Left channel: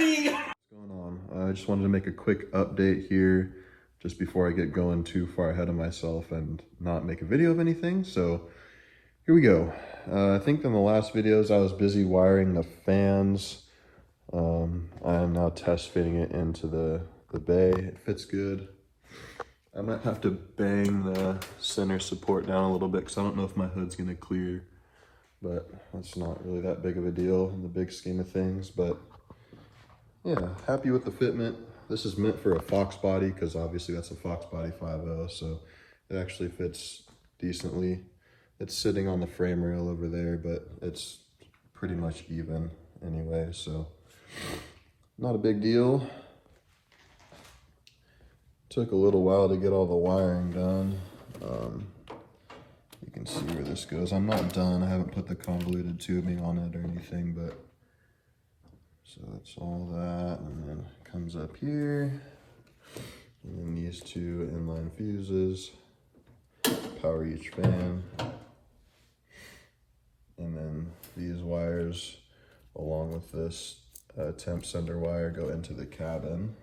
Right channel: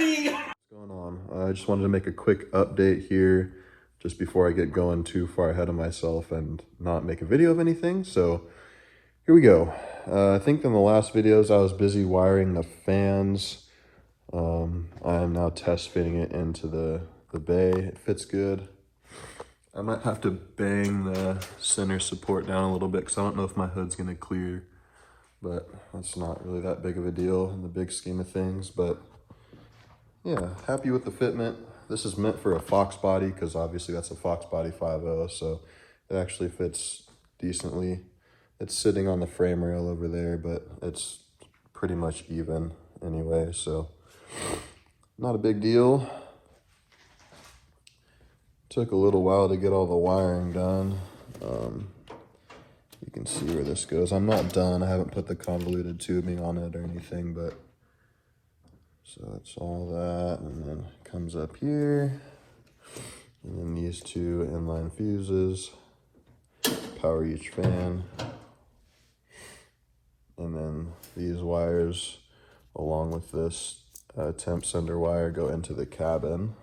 running. What's going on? I just wanted to make a quick update here just before I get going too far ahead of myself and not make a video of anything. So here we go. I think in the last videos I was busy wiring the fans. I am now test fitting it into the bay. It fits good. I might have to bang the center support down a little bit because I don't know if my hood's going to clear, but that's not really that big of a deal in the big scheme of things. But yeah, happy with the fitment. This is meant for a Fox body because obviously that's a Fox body 5.0, so it actually fits decently. It's sitting on the frame rail over there, but it's pretty much even anyway, so not a big deal. Took a little while to get all the wiring done. You can see where this goes. I'm not done. I haven't put the convoluted tubing on it or anything, but so it's all that, and then it comes up here, and then these two inline fuses power each fan, and then these wires along with this temp sender wire go into the cabin.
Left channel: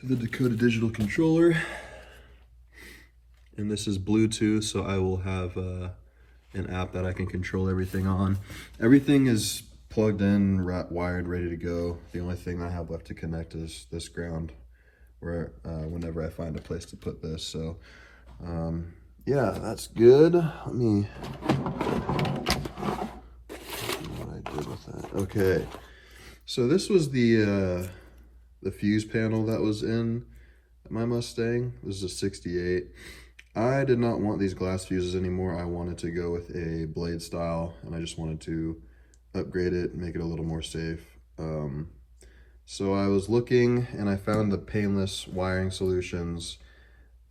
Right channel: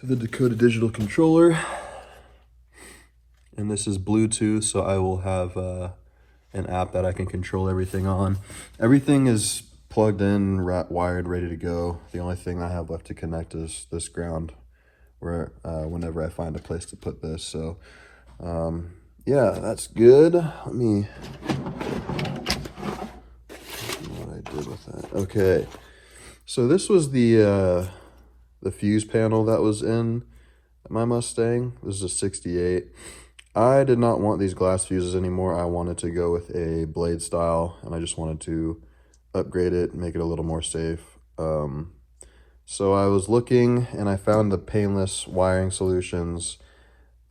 To the Dakota digital controller, and this is Bluetooth, so I will have an app that I can control everything on. Everything is plugged in, wired, ready to go. The only thing I have left to connect is this ground, where whenever I find a place to put this. So yeah, that's good. Let me see what I did with that. Okay, so this was the fuse panel that was in my Mustang. This is a 68. I did not want these glass fuses anymore. I wanted to go with a blade style, and I just wanted to upgrade it, make it a little more safe. So I was looking, and I found the Painless Wiring Solutions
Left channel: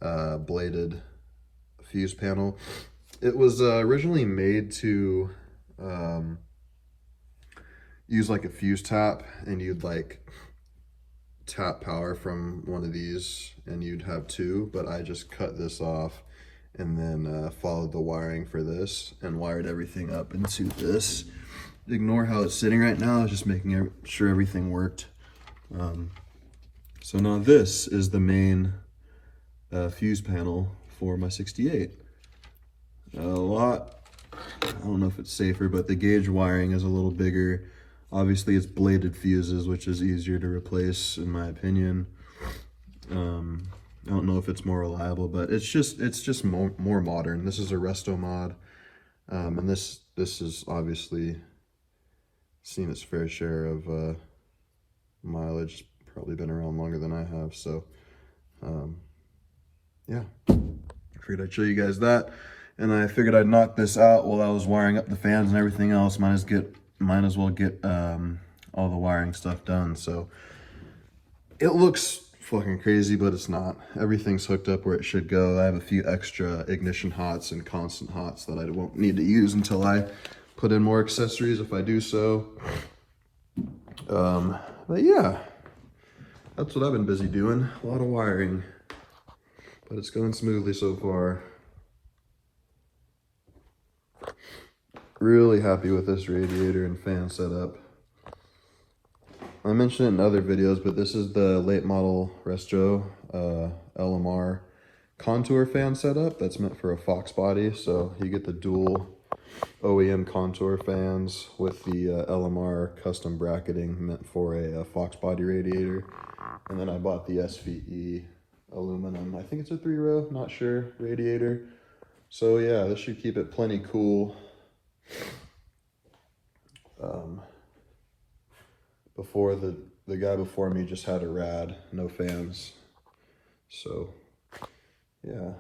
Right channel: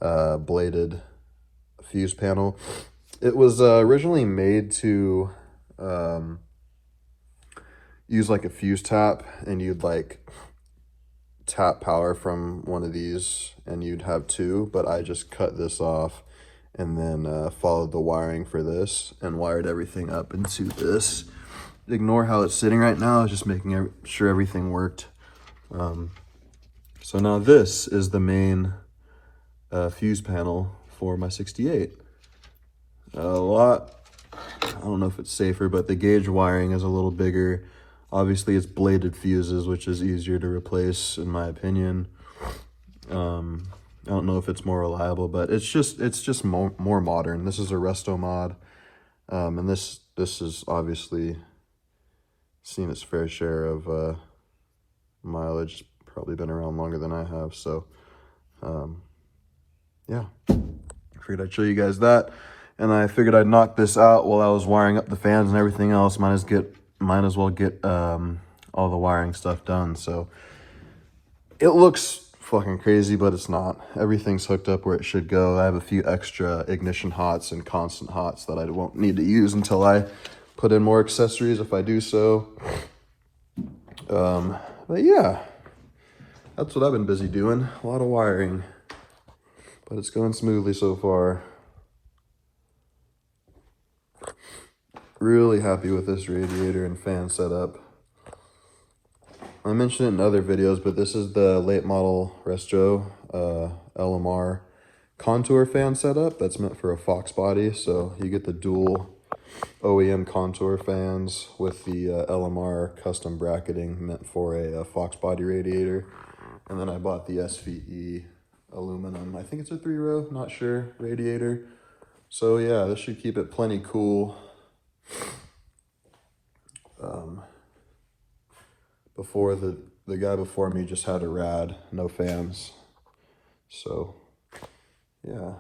bladed fuse panel. It was originally made to use like a fuse tap, and you'd like tap power from one of these and you'd have two, but I just cut this off and then followed the wiring for this and wired everything up into this. Ignore how it's sitting right now. I was just making sure everything worked. So now this is the main fuse panel for my 68. I don't know if it's safer, but the gauge wiring is a little bigger. Obviously, it's bladed fuses, which is easier to replace, in my opinion. I don't know if it's more reliable, but it's just more modern. This is a Restomod, and this is obviously seen its fair share of mileage. It's probably been around longer than I have, so yeah. I figured I'd show you guys that, and I figured I'd knock this out while I was wiring up the fans and everything else. Might as well get all the wiring stuff done. So it looks fucking crazy, but it's not. Everything's hooked up where it should go. I have a few extra ignition hots and constant hots that I won't need to use until I put in more accessories, if I do so. But yeah, that's what I've been busy doing. A lot of wiring, but it's going smoothly so far. Really happy with this radiator and fan setup. I mentioned it in other videos, but this is the late model Resto LMR contour fan setup that's meant for a Fox body. So you get the dual OEM contour fans with the LMR custom bracketing meant for a Fox body radiator. And then I bought the SVE aluminum, I think it's a 3-row, not sure, radiator. So yeah, this should keep it plenty cool. Before the guy before me just had a rad, no fans. So yeah,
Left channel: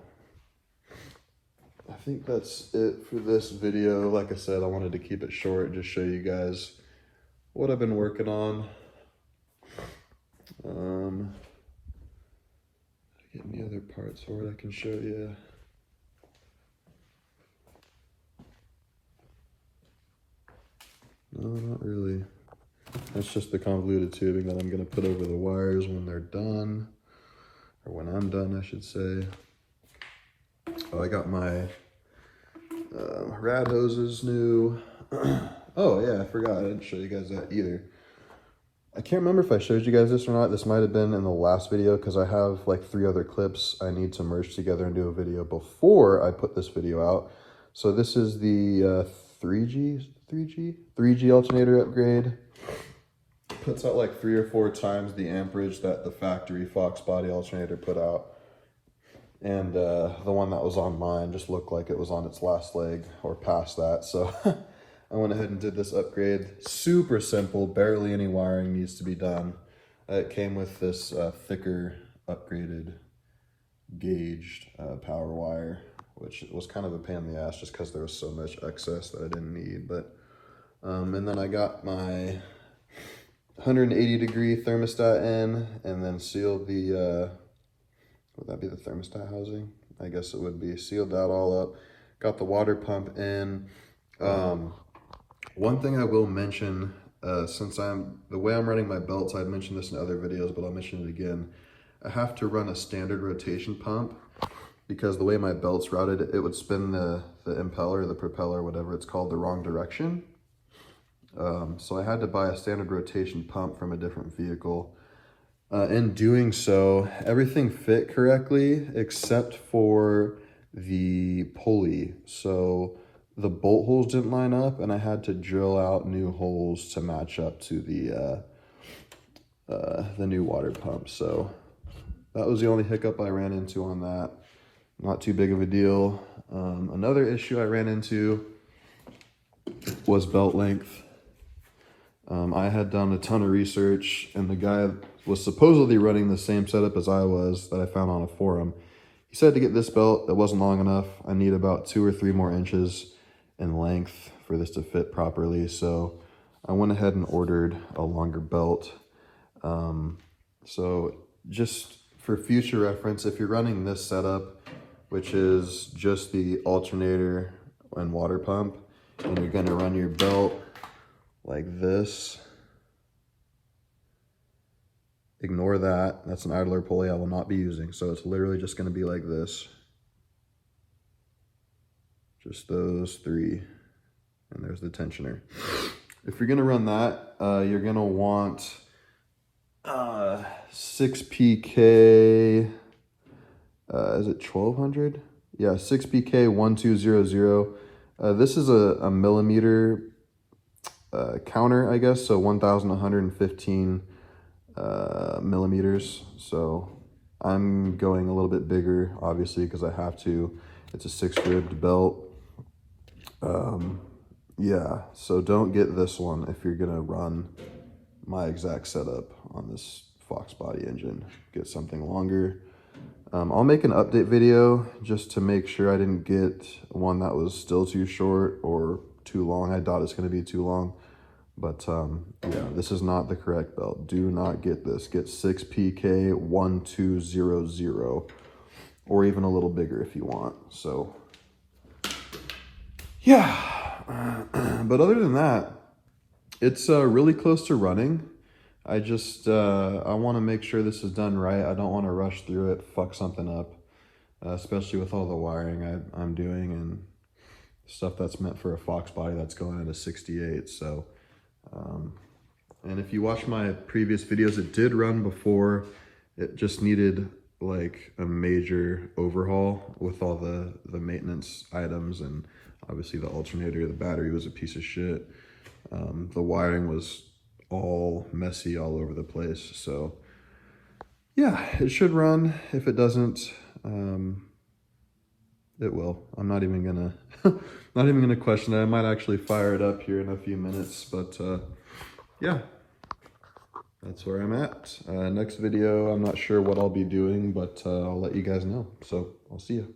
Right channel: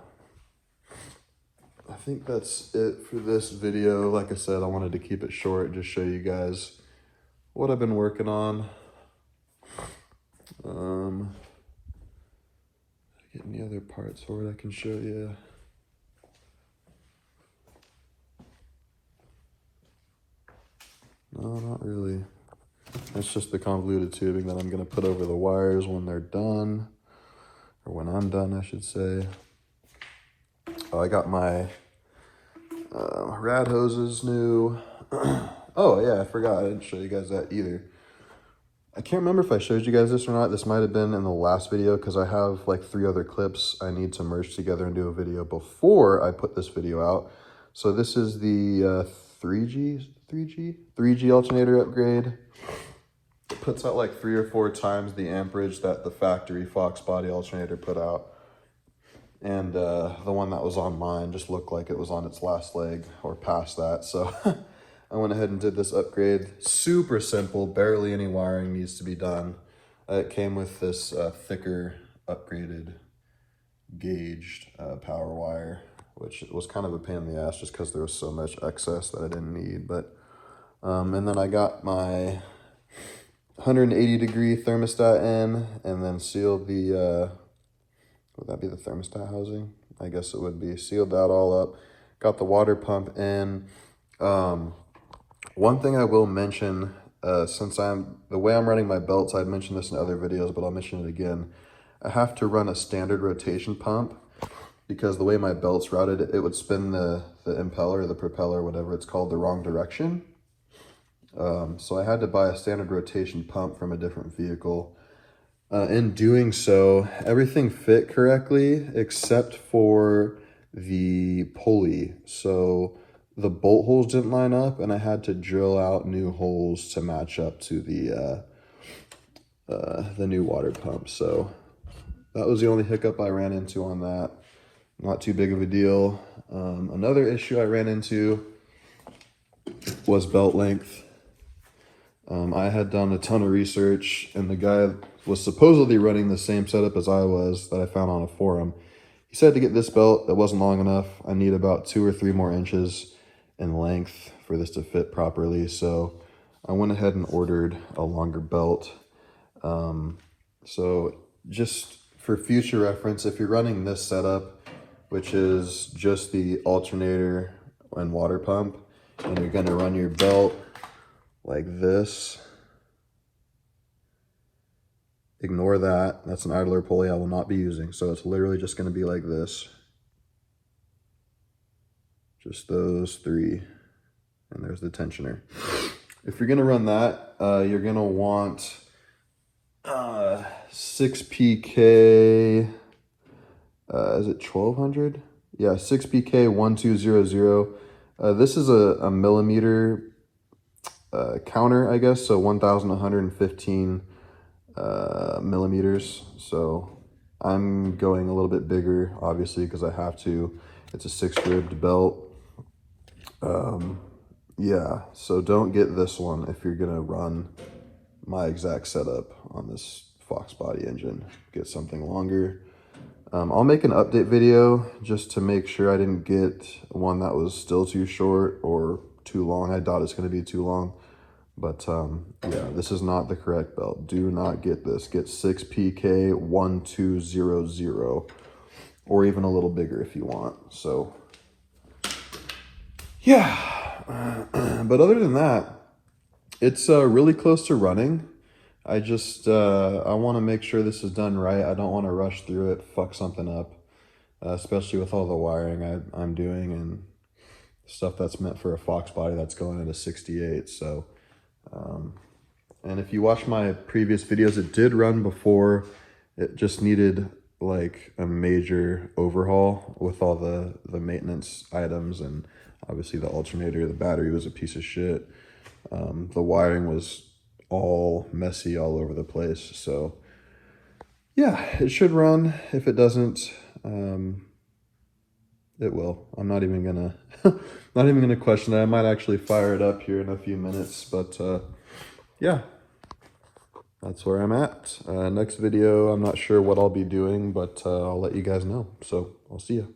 I think that's it for this video. Like I said, I wanted to keep it short, just show you guys what I've been working on. Get any other parts for it I can show you. No, not really. That's just the convoluted tubing that I'm going to put over the wires when they're done. Or when I'm done, I should say. Oh, I got my Rad hose is new. Oh yeah, I forgot, I didn't show you guys that either. I can't remember if I showed you guys this or not. This might have been in the last video because I have like 3 other clips I need to merge together and do a video before I put this video out. So this is the 3G alternator upgrade. Puts out like 3 or 4 times the amperage that the factory Fox body alternator put out. And the one that was on mine just looked like it was on its last leg or past that. So I went ahead and did this upgrade. Super simple, barely any wiring needs to be done. It came with this thicker, upgraded, gauged power wire, which was kind of a pain in the ass just because there was so much excess that I didn't need. But and then I got my 180-degree thermostat in, and then sealed the would that be the thermostat housing? I guess it would be. Sealed that all up. Got the water pump in. One thing I will mention, since the way I'm running my belts, I'd mentioned this in other videos, but I'll mention it again. I have to run a standard rotation pump because the way my belt's routed, it would spin the impeller, the propeller, whatever it's called, the wrong direction. So I had to buy a standard rotation pump from a different vehicle. In doing so, everything fit correctly except for the pulley. So the bolt holes didn't line up, and I had to drill out new holes to match up to the new water pump. So that was the only hiccup I ran into on that. Not too big of a deal. Another issue I ran into was belt length. I had done a ton of research, and the guy was supposedly running the same setup as I was that I found on a forum. He said to get this belt, it wasn't long enough. I need about 2 or 3 more inches in length for this to fit properly. So I went ahead and ordered a longer belt. So just for future reference, if you're running this setup, which is just the alternator and water pump, and you're gonna run your belt like this, ignore that. That's an idler pulley I will not be using. So it's literally just going to be like this. Just those 3. And there's the tensioner. If you're going to run that, you're going to want 6PK, is it 1200? Yeah, 6PK1200. This is a millimeter counter, I guess. So 1115 millimeters. So I'm going a little bit bigger, obviously, because I have to. It's a 6-ribbed belt. Yeah, so don't get this one if you're gonna run my exact setup on this Fox body engine. Get something longer. I'll make an update video just to make sure I didn't get one that was still too short or too long. I doubt it's gonna be too long. But yeah, this is not the correct belt. Do not get this. Get 6PK1200, or even a little bigger if you want. So yeah, but other than that, it's really close to running. I just I want to make sure this is done right. I don't want to rush through it, fuck something up, especially with all the wiring I'm doing and stuff that's meant for a Fox body that's going into 68. So and if you watch my previous videos, it did run before. It just needed like a major overhaul with all the maintenance items, and obviously the alternator, the battery was a piece of shit. The wiring was all messy all over the place. So yeah, it should run. If it doesn't, it will. I'm not even gonna not even gonna question it. I might actually fire it up here in a few minutes, but yeah, that's where I'm at. Next video, I'm not sure what I'll be doing, but I'll let you guys know. So I'll see you.